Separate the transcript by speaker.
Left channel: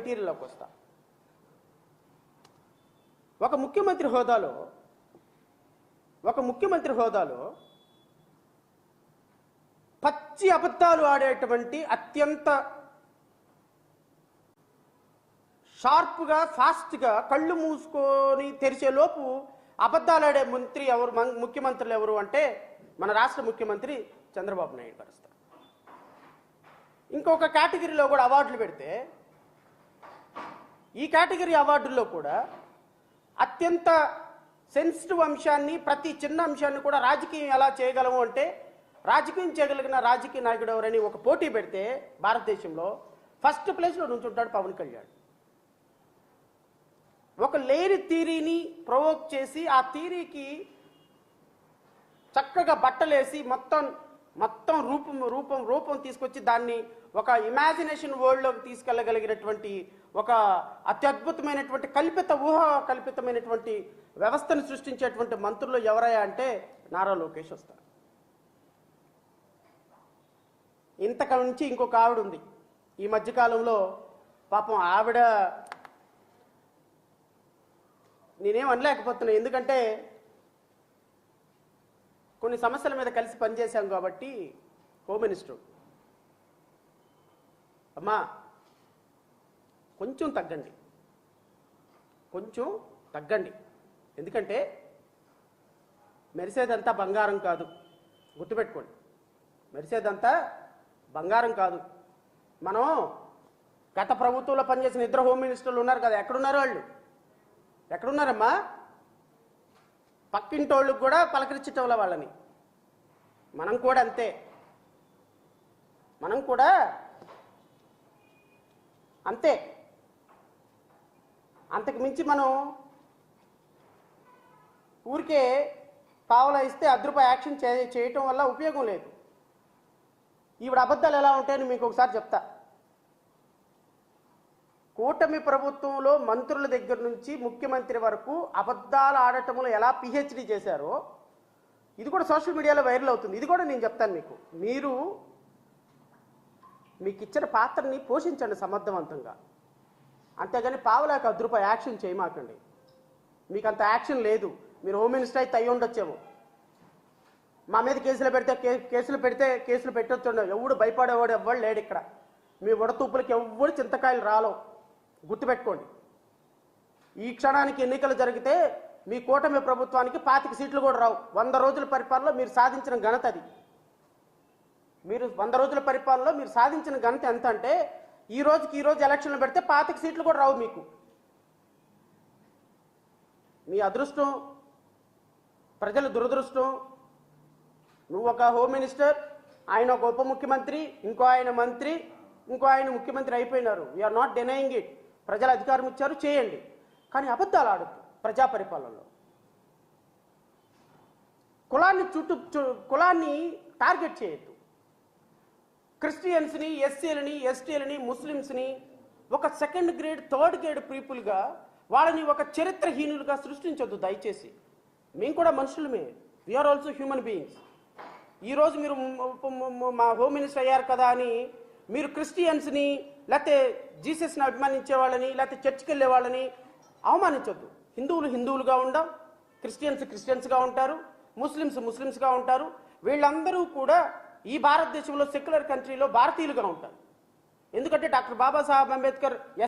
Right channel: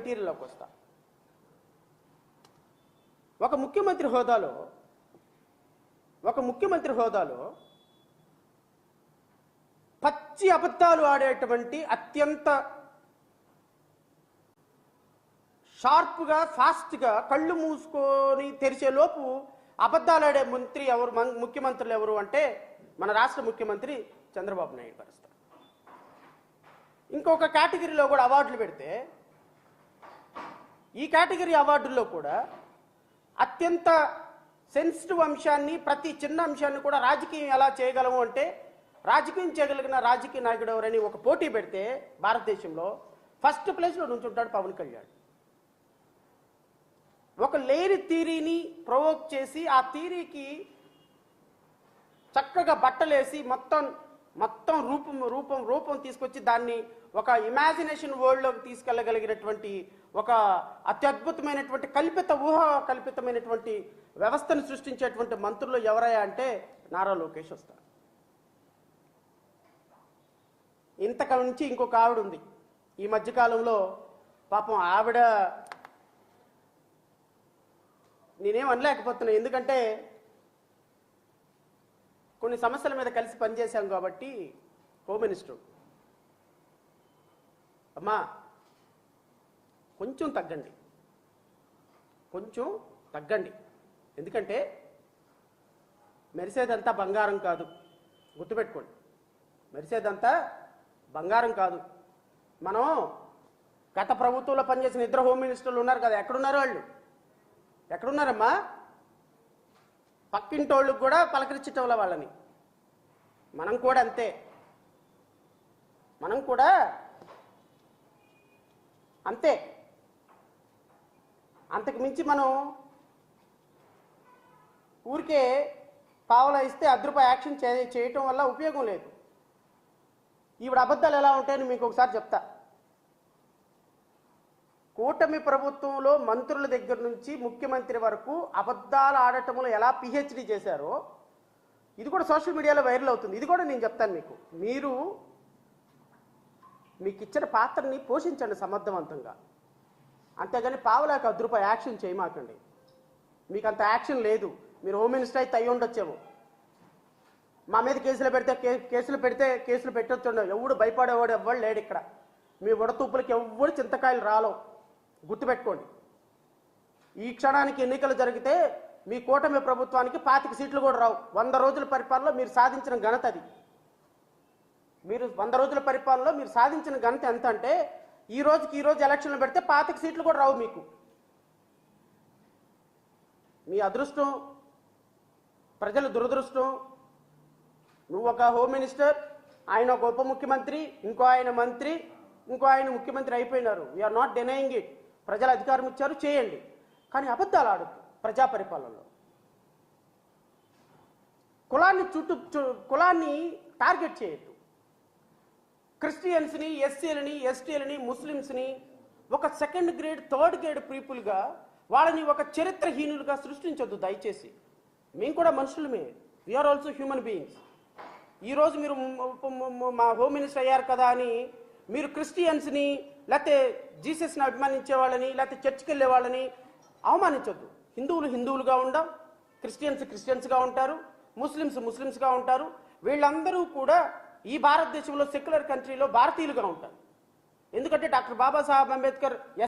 Speaker 1: మెటీరియల్లోకి వస్తా. ఒక ముఖ్యమంత్రి హోదాలో ఒక ముఖ్యమంత్రి హోదాలో పచ్చి అబద్ధాలు ఆడేటువంటి అత్యంత షార్ప్గా ఫాస్ట్గా కళ్ళు మూసుకొని తెరిచే లోపు అబద్ధాలు ఆడే మంత్రి ఎవరు ముఖ్యమంత్రులు ఎవరు అంటే మన రాష్ట్ర ముఖ్యమంత్రి చంద్రబాబు నాయుడు పరిస్థితి ఇంకొక కేటగిరీలో కూడా అవార్డులు పెడితే కేటగిరీ అవార్డుల్లో కూడా అత్యంత సెన్సిటివ్ అంశాన్ని ప్రతి చిన్న అంశాన్ని కూడా రాజకీయం ఎలా చేయగలము అంటే రాజకీయం చేయగలిగిన రాజకీయ నాయకుడు ఎవరని ఒక పోటీ పెడితే భారతదేశంలో ఫస్ట్ ప్లేస్లో నుంచుంటాడు పవన్ కళ్యాణ్. ఒక లేని థీరీని ప్రొవోక్ చేసి ఆ థీరీకి చక్కగా బట్టలేసి మొత్తం మొత్తం రూపం రూపం రూపం తీసుకొచ్చి దాన్ని ఒక ఇమాజినేషన్ వరల్డ్లోకి తీసుకెళ్ళగలిగినటువంటి ఒక అత్యద్భుతమైనటువంటి కల్పిత ఊహ కల్పితమైనటువంటి వ్యవస్థను సృష్టించేటువంటి మంత్రులు ఎవరయ్యా అంటే నారా లోకేష్ వస్తారు. ఇంతక నుంచి ఇంకొక ఆవిడ ఉంది. ఈ మధ్యకాలంలో పాపం ఆవిడ నేనేం అనలేకపోతున్నా. ఎందుకంటే కొన్ని సమస్యల మీద కలిసి పనిచేశాం కాబట్టి హోమ్ మినిస్టర్. అమ్మా కొంచెం తగ్గండి. కొంచెం తగ్గండి. ఎందుకంటే మెరిసేదంతా బంగారం కాదు. గుర్తుపెట్టుకోండి. మెరిసేదంతా బంగారం కాదు. మనం గత ప్రభుత్వంలో పనిచేసిన ఇద్దరు హోమ్ మినిస్టర్లు ఉన్నారు కదా. ఎక్కడున్నారు వాళ్ళు? ఎక్కడున్నారమ్మా? పక్కింటోళ్ళకి కూడా పలకరించటంల వాళ్ళని. మనం కూడా అంతే. మనం కూడా అంతే. గురించి మనం ఊరికే పావలా ఇస్తే అర్ధ యాక్షన్ చే చేయటం వల్ల ఉపయోగం లేదు. ఈవిడ అబద్ధాలు ఎలా ఉంటాయని మీకు ఒకసారి చెప్తా. కూటమి ప్రభుత్వంలో మంత్రుల దగ్గర నుంచి ముఖ్యమంత్రి వరకు అబద్ధాలు ఆడటంలో ఎలా పిహెచ్డి చేశారో ఇది కూడా సోషల్ మీడియాలో వైరల్ అవుతుంది. ఇది కూడా నేను చెప్తాను మీకు. మీరు మీకు ఇచ్చిన పాత్రని పోషించండి సమర్థవంతంగా. అంతేగాని పావులాకి అర్ధ రూపాయి యాక్షన్ చేయమాకండి. మీకు అంత యాక్షన్ లేదు. మీరు హోమ్ మినిస్టర్ అయితే అయ్యి ఉండొచ్చేమో. మా మీద కేసులు పెడితే కేసులు పెడితే కేసులు పెట్టొచ్చు ఎవడు భయపడేవాడు ఎవ్వడు లేడు ఇక్కడ. మీ ఉడతూపులకి ఎవ్వడు చింతకాయలు రాలో గుర్తుపెట్టుకోండి. ఈ క్షణానికి ఎన్నికలు జరిగితే మీ కూటమి ప్రభుత్వానికి పాతిక సీట్లు కూడా రావు. వంద రోజుల పరిపాలనలో మీరు సాధించిన ఘనత అది. మీరు వంద రోజుల పరిపాలనలో మీరు సాధించిన ఘనత ఎంత అంటే ఈ రోజుకి ఈ రోజు ఎలక్షన్లు పెడితే పాతిక సీట్లు కూడా రావు మీకు. మీ అదృష్టం ప్రజల దురదృష్టం నువ్వు ఒక హోమ్ మినిస్టర్ ఆయన ఒక ఉప ముఖ్యమంత్రి ఇంకో ఆయన మంత్రి ఇంకో ఆయన ముఖ్యమంత్రి అయిపోయినారు. వీఆర్ నాట్ డినయింగ్ ఇట్ ప్రజలు అధికారం ఇచ్చారు చేయండి. కానీ అబద్ధాలు ఆడద్దు ప్రజా పరిపాలనలో. కులాన్ని చుట్టూ కులాన్ని టార్గెట్ చేయొద్దు. క్రిస్టియన్స్ని ఎస్సీలని ఎస్టీలని ముస్లిమ్స్ని ఒక సెకండ్ గ్రేడ్ థర్డ్ గ్రేడ్ పీపుల్గా వాళ్ళని ఒక చరిత్రహీనులుగా సృష్టించొద్దు దయచేసి. మేము కూడా మనుషులమే. వీఆర్ ఆల్సో హ్యూమన్ బీయింగ్స్ ఈరోజు మీరు మా హోమ్ మినిస్టర్ అయ్యారు కదా అని మీరు క్రిస్టియన్స్ని లేకపోతే జీసస్ని అభిమానించే వాళ్ళని లేకపోతే చర్చికి వెళ్ళే వాళ్ళని అవమానించొద్దు. హిందువులు హిందువులుగా ఉండం క్రిస్టియన్స్ క్రిస్టియన్స్గా ఉంటారు ముస్లిమ్స్ ముస్లిమ్స్గా ఉంటారు. వీళ్ళందరూ కూడా ఈ భారతదేశంలో సెక్యులర్ కంట్రీలో భారతీయులుగా ఉంటారు. ఎందుకంటే డాక్టర్ బాబాసాహెబ్ అంబేద్కర్